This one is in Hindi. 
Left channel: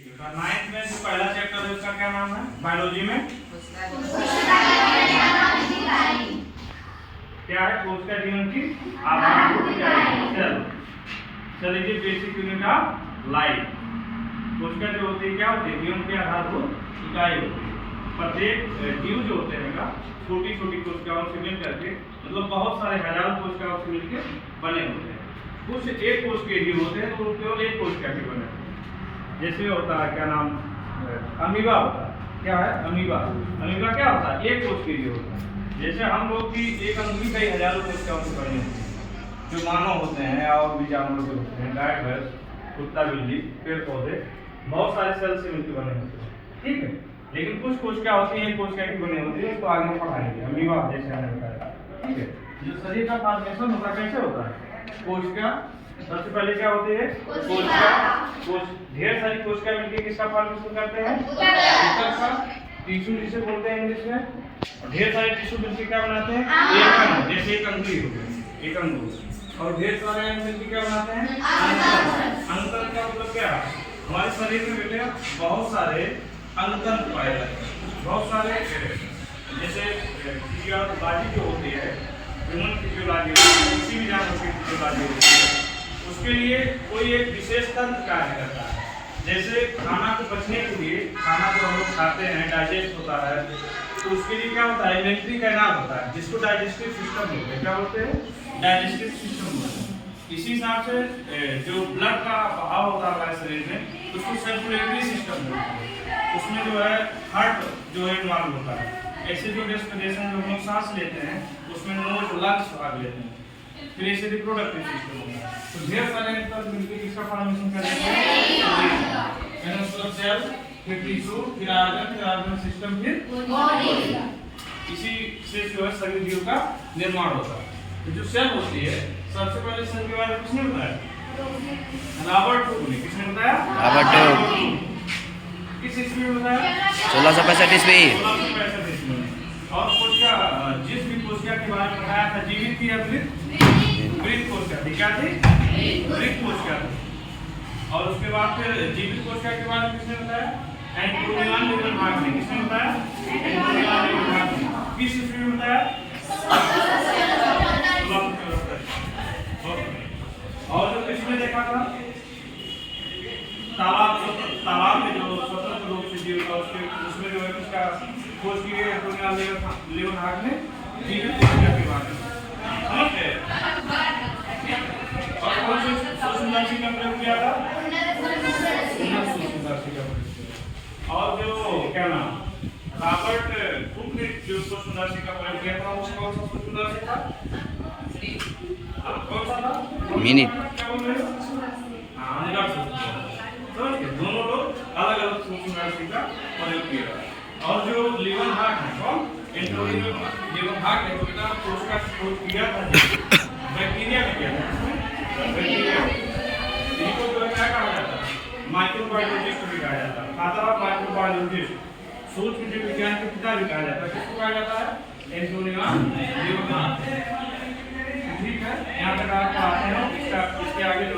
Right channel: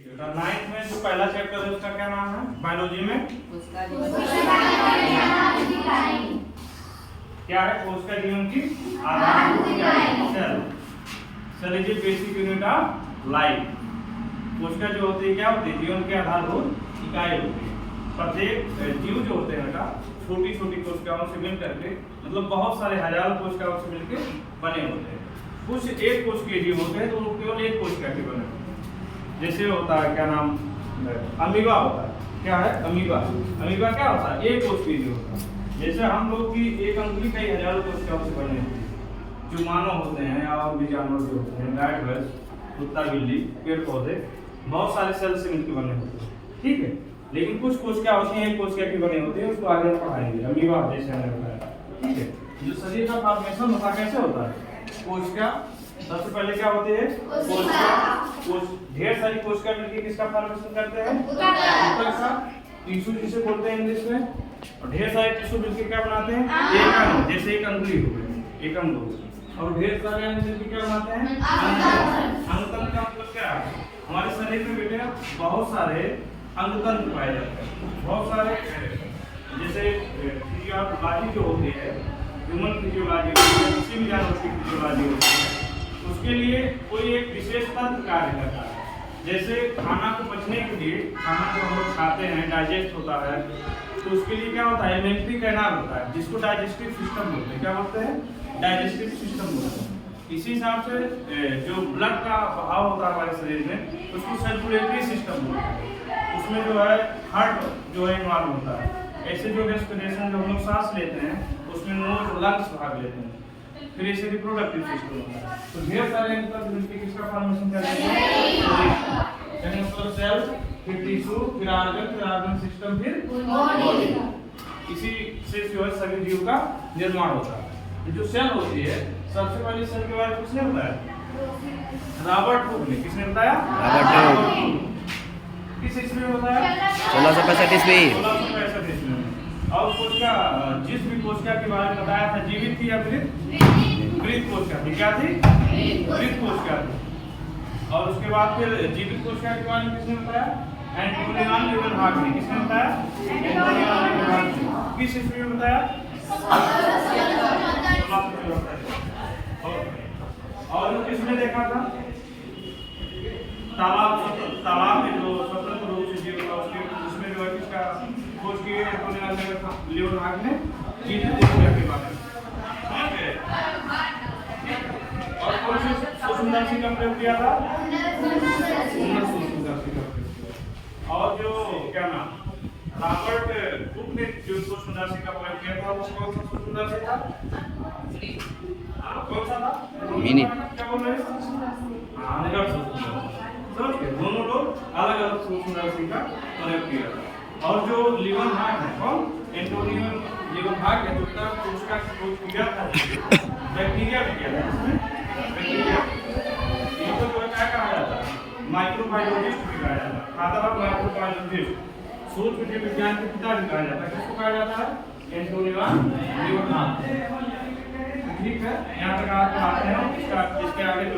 नाइन्थ में जो पहला चैप्टर है उसका क्या नाम है बायोलॉजी में? क्या है कोशिका जीवन की आधारभूत इकाई cell is basic unit of life. कोशिका जो होती है क्या होती है? जीवन की आधारभूत इकाई होती है। प्रत्येक जीव जो होते हैं का छोटी छोटी कोशिकाओं से मिल करके मतलब बहुत सारे हजारों कोशिकाओं से मिलकर बने होते हैं। कुछ एक कोशिकीय जीव होते हैं तो केवल एक कोशिका के बने। जैसे होता है क्या नाम अमीबा होता है। क्या है अमीबा? अमीबा क्या होता है? एक कोशिकीय जीव होता है। जैसे हम लोग की एक अंगुली कई हजारों कोशिकाओं से बनी होती है। जो मानव होते हैं और भी जानवर जो होते हैं गाय भैंस कुत्ता बिल्ली पेड़ पौधे बहुत सारे सेल से मिलकर बने होते हैं। ठीक है, लेकिन कुछ कोशिका होती है एक कोशिका की बनी होती है। इसको आगे पढ़ाएंगे अमीबा जैसे मैंने बताया। ठीक है, जो शरीर का फॉर्मेशन होता कैसे होता है? कोशिका सबसे पहले क्या होती है? कोशिका ढेर सारी कोशिका मिलकर किसका फॉर्मेशन करते हैं? ऊतक का। टिश्यू जिसे बोलते हैं इंग्लिश में। और ढेर सारे टिश्यू मिलकर क्या बनाते हैं? एक अंग। जैसे एक अंगुली हो गई एक अंग हो गई और ढेर सारे अंग मिलकर क्या बनाते हैं? अंगतंत्र का मतलब क्या है? हमारे शरीर में बेटे बहुत सारे अंगतंत्र पाए जाते हैं। बहुत सारे जैसे फिजियोलॉजी जो होती है ह्यूमन फिजियोलॉजी किसी भी जानवर की फिजियोलॉजी होती है उसके लिए कोई एक विशेष तंत्र कार्य करता है। जैसे खाना को पचने के लिए खाना जो हम लोग खाते हैं डाइजेस्ट होता है तो उसके लिए क्या होता है? इमेंट्री कैनाल होता है जिसको डाइजेस्टिव सिस्टम बोलते हैं। क्या बोलते हैं? डाइजेस्टिव सिस्टम बोलते हैं। इसी हिसाब से जो ब्लड का बहाव होता है हमारे शरीर में उसको सर्कुलेटरी सिस्टम बोलते हैं। उसमें जो है हार्ट जो है इन्वॉल्व होता है। ऐसे जो रेस्पिरेशन जो हम लोग सांस लेते हैं उसमें नोज लंग्स भाग लेते हैं। फिर ऐसे रिप्रोडक्टिव सिस्टम होता है। तो ढेर सारे अंतर मिलकर किसका फॉर्मेशन कर देते हैं? सेल फिर टिश्यू फिर ऑर्गन सिस्टम फिर बॉडी। इसी से जो है सभी जीव का निर्माण होता है। तो जो सेल होती है सबसे पहले सेल के बारे में किसने बताया? रॉबर्ट हुक ने। किसने बताया? Robert Hooke. किस ईस्वी में बताया? 1665 ईस्वी। 1665 ईस्वी में। और कोशिका जिस भी कोशिका के बारे में बताया था जीवित थी या मृत? मृत कोशिका थी। क्या थी? मृत कोशिका थी। और उसके बाद फिर जीवित कोशिका के बारे में किसने बताया? एंटोनियो लीवनहाग ने। किसने बताया? एंटोनियो लीवनहाग ने। किस ईस्वी में बताया? 1674। और किसने देखा था? तालाब में जो स्वतंत्र रूप से जीव था उसमें जो है किसका खोज की गई? एंटोनियो लीवनहाग ने जीवित कोशिका के बारे में। समझ गए? और कौन सी सूक्ष्मदर्शी का प्रयोग किया था? सूक्ष्मदर्शी का प्रयोग किया। और जो क्या नाम रॉबर्ट हुक ने जो सूक्ष्मदर्शी का प्रयोग किया था वो कौन सा सूक्ष्मदर्शी था? कौन सा था? मिनी। क्या बोल रहे हैं? अंदर सूक्ष्मदर्शी। समझ गए? दोनों लोग अलग अलग सूक्ष्मदर्शी का प्रयोग किया। और जो लीवनहाग है कौन? एंटोनियो लीवनहाग है। तो इतना कोशिका खोज किया था बैक्टीरिया में किया था। इसमें बैक्टीरिया इनको जो क्या कहा जाता है? माइक्रोबायोलॉजिस्ट भी कहा जाता है। फादर ऑफ माइक्रोबायोलॉजिस्ट सूक्ष्म जीव विज्ञान के पिता भी कहा जाता है। किसको कहा जाता है? एंटोनियो लीवनहाग। ठीक है, यहाँ तक आते हैं इसके आगे